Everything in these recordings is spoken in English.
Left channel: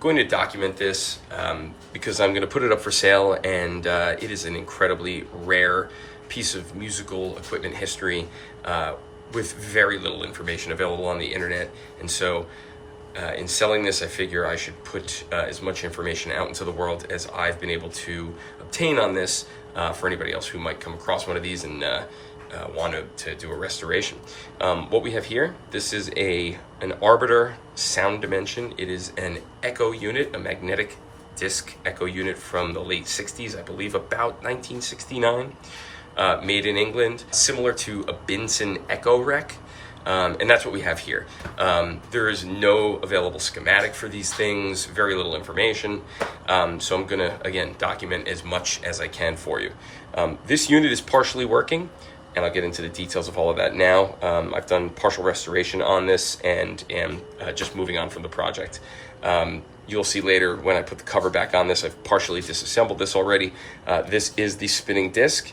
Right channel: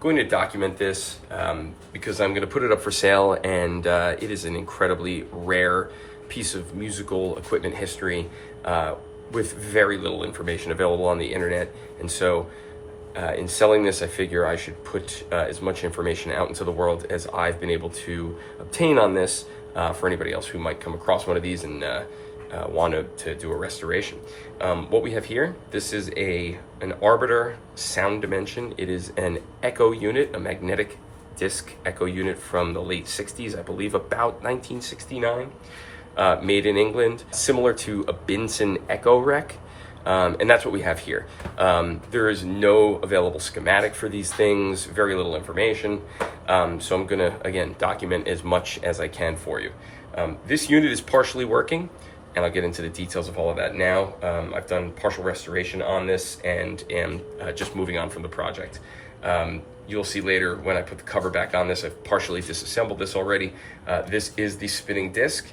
going to document this because I'm going to put it up for sale, and it is an incredibly rare piece of musical equipment history with very little information available on the internet. And so in selling this, I figure I should put as much information out into the world as I've been able to obtain on this for anybody else who might come across one of these and want to do a restoration. What we have here, this is an Arbiter Soundimension. It is an echo unit, a magnetic disc echo unit from the late 60s, I believe about 1969, made in England, similar to a Binson Echorec. And that's what we have here. There is no available schematic for these things, very little information. So I'm gonna, again, document as much as I can for you. This unit is partially working, and I'll get into the details of all of that now. I've done partial restoration on this and am just moving on from the project. You'll see later when I put the cover back on this, I've partially disassembled this already. This is the spinning disc.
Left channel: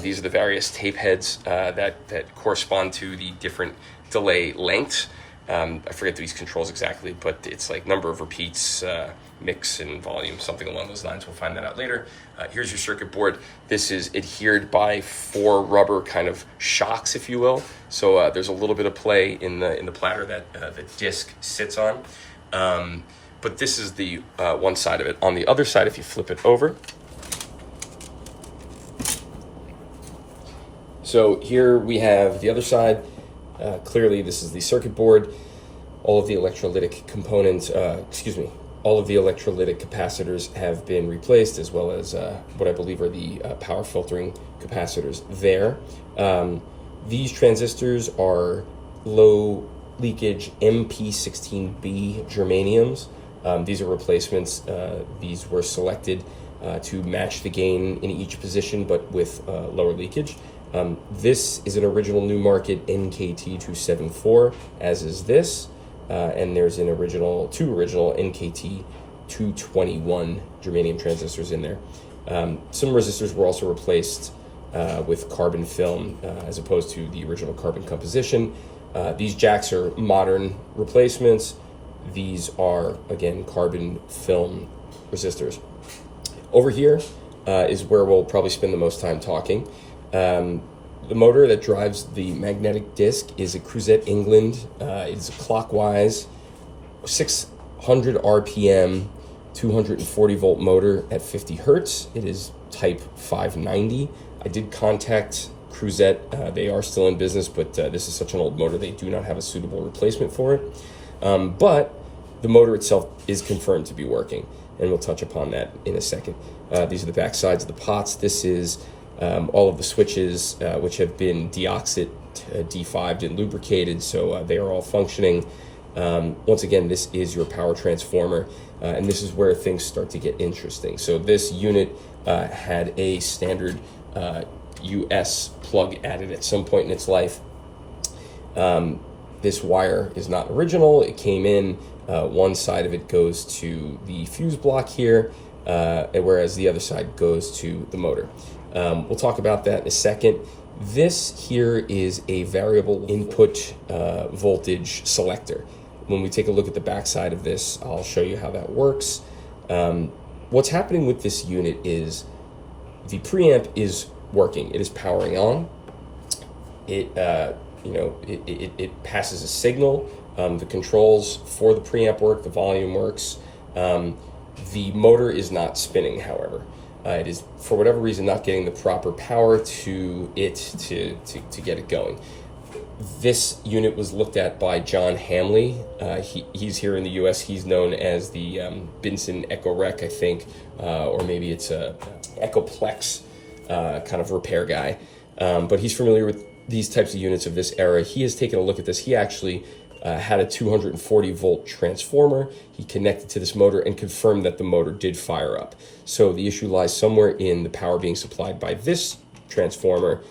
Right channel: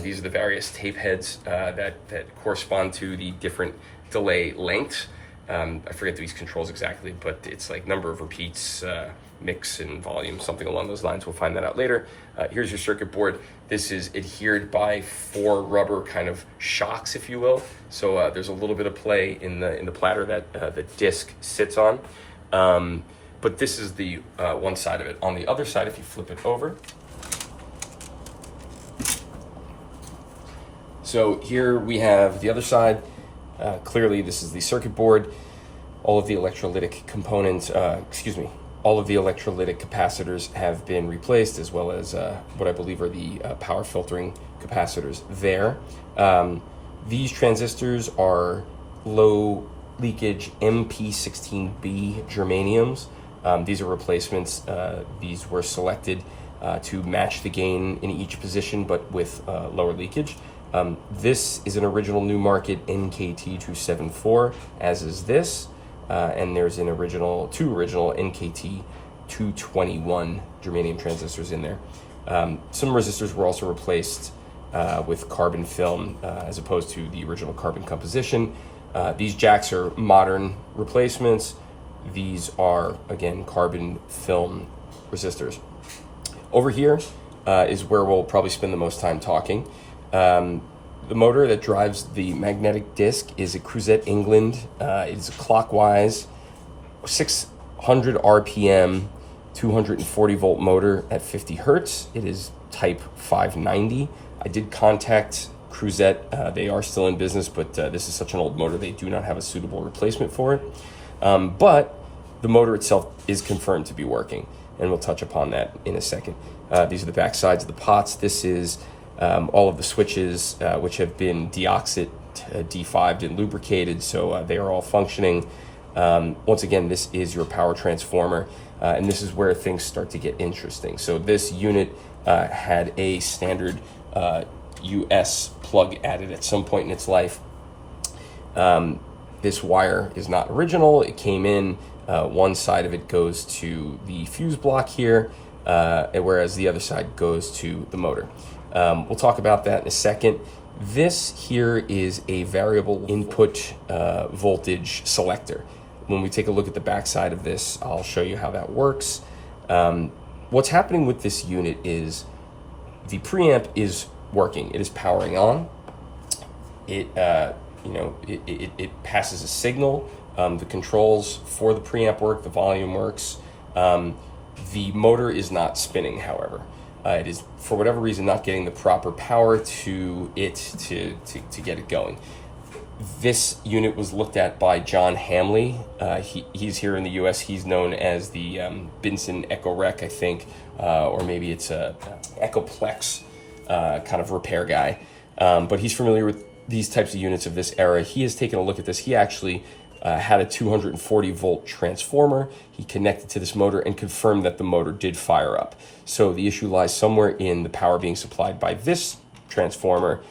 These are the various tape heads that correspond to the different delay lengths. I forget these controls exactly, but it's like number of repeats, mix and volume, something along those lines. We'll find that out later. Here's your circuit board. This is adhered by 4 rubber kind of shocks, if you will. So there's a little bit of play in the platter that the disc sits on. But this is the one side of it. On the other side, if you flip it over, so here we have the other side. Clearly, this is the circuit board. All of the electrolytic components, all of the electrolytic capacitors have been replaced, as well as what I believe are the power filtering capacitors there. These transistors are low leakage MP16B germaniums. These are replacements. These were selected to match the gain in each position, but with lower leakage. This is an original new market NKT274, as is this, and there's two original NKT221 germanium transistors in there. Some resistors were also replaced with carbon film as opposed to the original carbon composition. These jacks are modern replacements. These are, again, carbon film resistors. Over here is where we'll probably spend the most time talking. The motor that drives the magnetic disc is a Crouzet England. It's a clockwise 600 RPM, 240 volt motor at 50 hertz. It is type 590. I did contact Crouzet. They are still in business, but this is such an old motor, they do not have a suitable replacement for it. But the motor itself is confirmed to be working, and we'll touch upon that in a second. These are the back sides of the pots. This is all of the switches, which have been defibed and lubricated, so they are all functioning. Once again, this is your power transformer, and this is where things start to get interesting. So this unit had a standard US plug added at some point in its life. This wire is not original. It came in, one side of it goes to the fuse block here, whereas the other side goes to the motor. We'll talk about that in a second. This here is a variable input voltage selector. When we take a look at the back side of this, I'll show you how that works. What's happening with this unit is the preamp is working. It is powering on. It passes a signal. The controls for the preamp work. The volume works. The motor is not spinning, however. It is, for whatever reason, not getting the proper power to it to get it going. This unit was looked at by John Hamley. He's here in the U.S. He's known as the Binson Echorec, I think, or maybe it's a Echoplex kind of repair guy. But he's familiar with these types of units of this era. He has taken a look at this. He actually had a 240 volt transformer. He connected to this motor and confirmed that the motor did fire up. So the issue lies somewhere in the power being supplied by this transformer,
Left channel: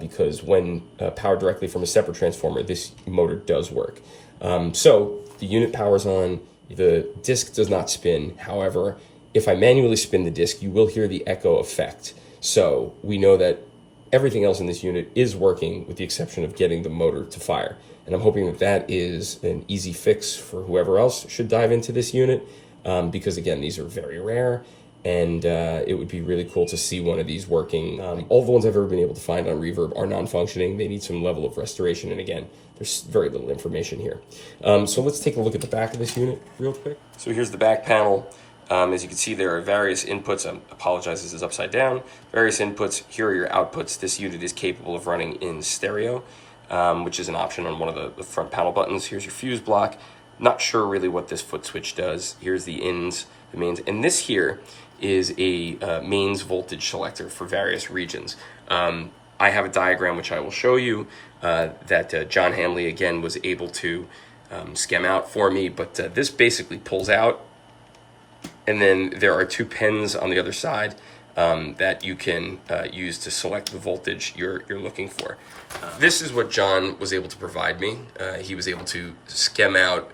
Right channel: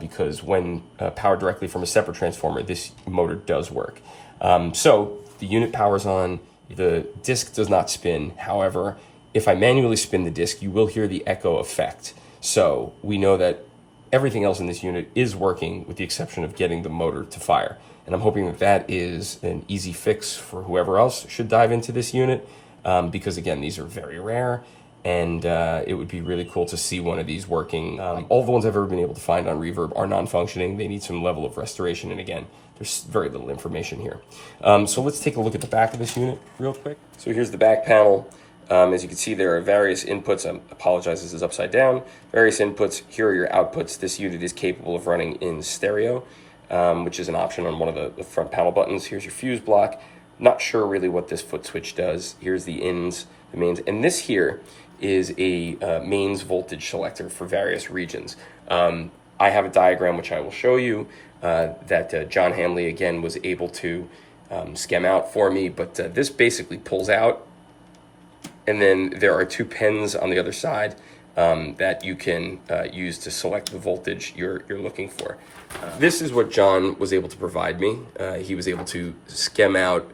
because when powered directly from a separate transformer, this motor does work. So the unit powers on, the disc does not spin. However, if I manually spin the disc, you will hear the echo effect. So we know that everything else in this unit is working with the exception of getting the motor to fire. And I'm hoping that that is an easy fix for whoever else should dive into this unit. because again, these are very rare, and it would be really cool to see one of these working. All the ones I've ever been able to find on Reverb are non-functioning. They need some level of restoration, and again, there's very little information here. So let's take a look at the back of this unit real quick. So here's the back panel. As you can see, there are various inputs. I apologize, this is upside down. Various inputs. Here are your outputs. This unit is capable of running in stereo, which is an option on one of the front panel buttons. Here's your fuse block. Not sure really what this foot switch does. Here's the ins, the mains. And this here is a mains voltage selector for various regions. I have a diagram which I will show you that John Hamley, again, was able to skem out for me. But this basically pulls out. And then there are two pins on the other side that you can use to select the voltage you're looking for. This is what John was able to provide me. He was able to skem out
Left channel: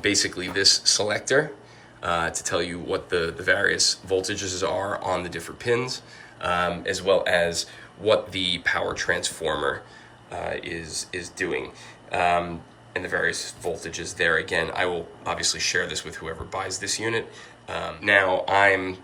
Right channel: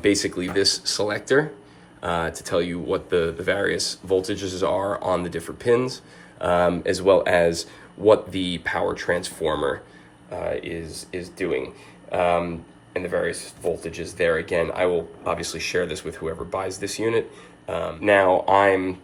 basically this selector to tell you what the various voltages are on the different pins, as well as what the power transformer is doing. And the various voltages there. Again, I will obviously share this with whoever buys this unit. Now, I'm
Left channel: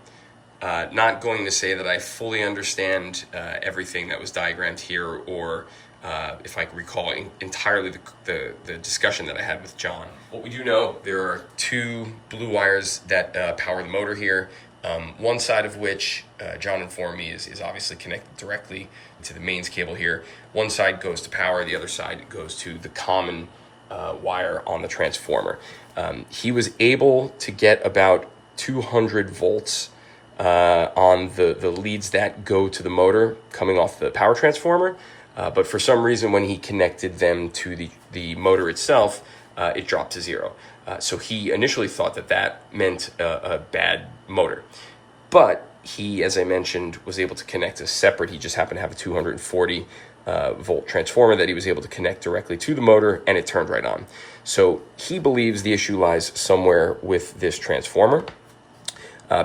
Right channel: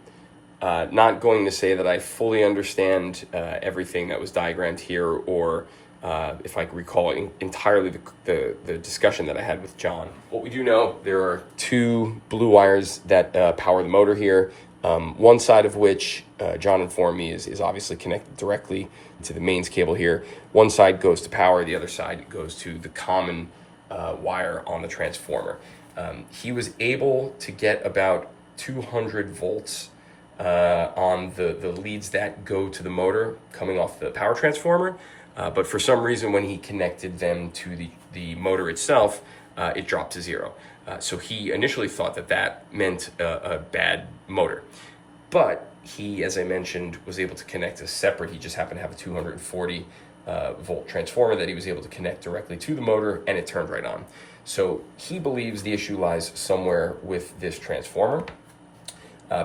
not going to say that I fully understand everything that was diagrammed here, or if I recall entirely the discussion that I had with John. What we do know, there are two blue wires that power the motor here. One side of which, John informed me, is obviously connected directly to the mains cable here. One side goes to power, the other side goes to the common wire on the transformer. He was able to get about 200 volts on the leads that go to the motor coming off the power transformer. But for some reason, when he connected them to the motor itself, it dropped to zero. So he initially thought that meant a bad motor. But he, as I mentioned, was able to connect a separate, he just happened to have a 240 volt transformer that he was able to connect directly to the motor, and it turned right on. So he believes the issue lies somewhere with this transformer.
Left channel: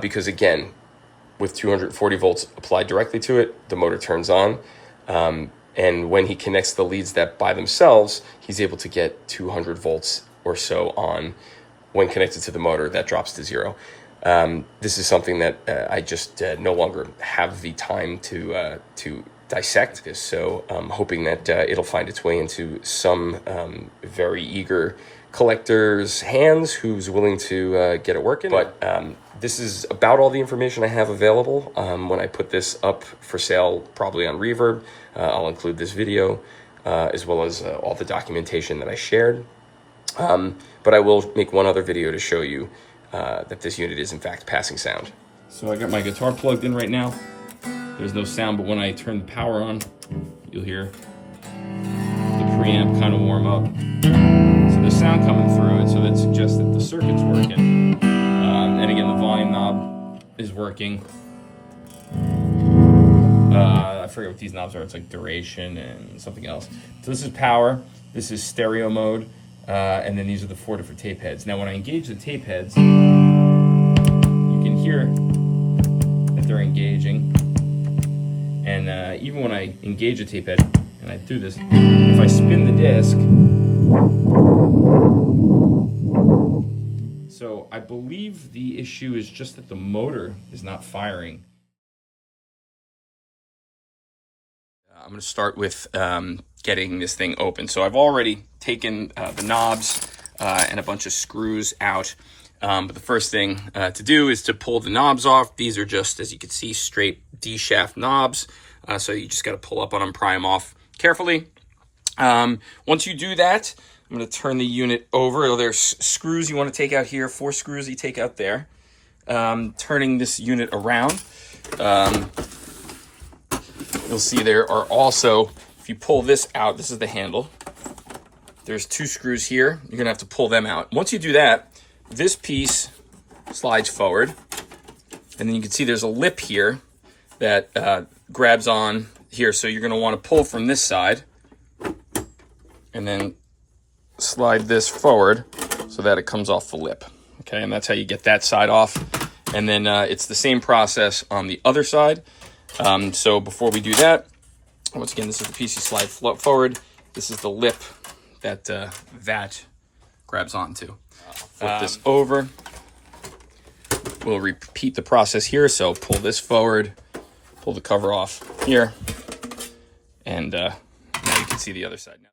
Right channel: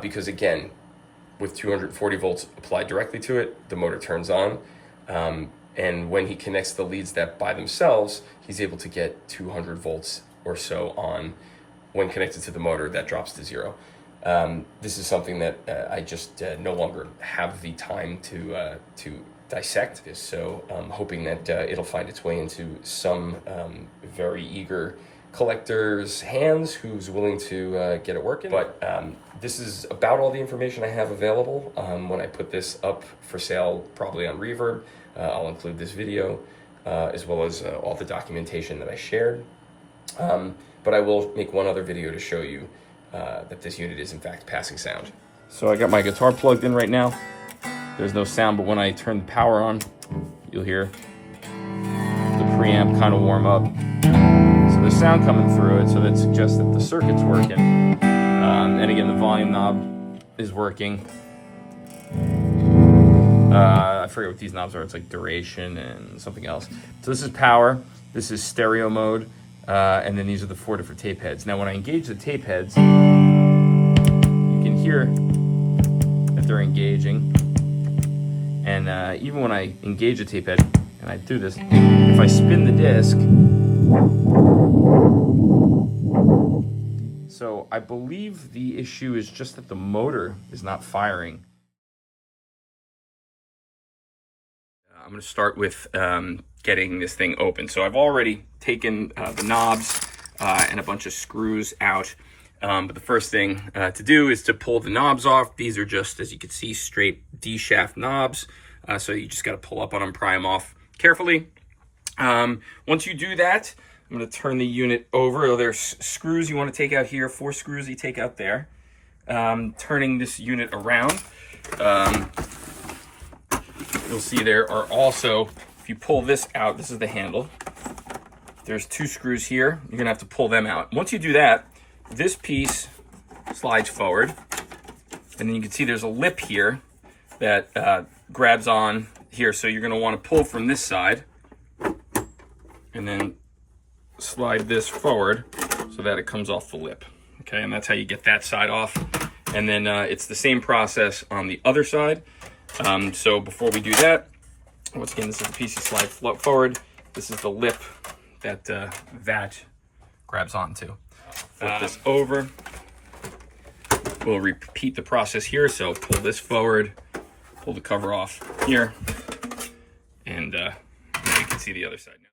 Because again, with 240 volts applied directly to it, the motor turns on. And when he connects the leads that by themselves, he's able to get 200 volts or so on. When connected to the motor, that drops to zero. This is something that I just no longer have the time to dissect this. So I'm hoping that it'll find its way into some very eager collector's hands who's willing to get it working. But this is about all the information I have available. When I put this up for sale, probably on Reverb, I'll include this video as well as all the documentation that I shared. But I will make one other video to show you that this unit is in fact passing sound. So I got my guitar plugged in right now. There's no sound, but when I turn the power on, you'll hear the preamp kind of warm up. So there's sound coming through it, so that suggests that the circuit's working. And again, the volume knob is working. I forget what these knobs are. It's like duration and something else. So this is power. This is stereo mode. And then these are the 4 different tape heads. Now when I engage the tape heads, you can hear that they're engaging. And even when I engage a tape head, and I do this, if I spin the disc, so I believe the issue is just that the motor is not firing. I'm going to start with getting this thing open. So I've already taken the knobs and a bunch of screws out. But the first thing to do is to pull the knobs off. These are just, as you can see, straight D-shaft knobs. So you just got to pull up on them, pry them off carefully. Once you do that, I'm going to turn the unit over. There's screws you want to take out here, 4 screws you take out there. Turning this unit around. You'll see there are also, if you pull this out, this is the handle. There's 2 screws here. You're gonna have to pull them out. Once you do that, this piece slides forward. And then you can see there's a lip here that grabs on here. So you're gonna wanna pull from this side and then slide this forward so that it comes off the lip. Okay, and that's how you get that side off. And then it's the same process on the other side. So before we do that, once again, this is the piece you slide forward. This is the lip that that grabs onto. Flip this over. we'll repeat the process here. So pull this forward, pull the cover off here, and now you can see the other side now.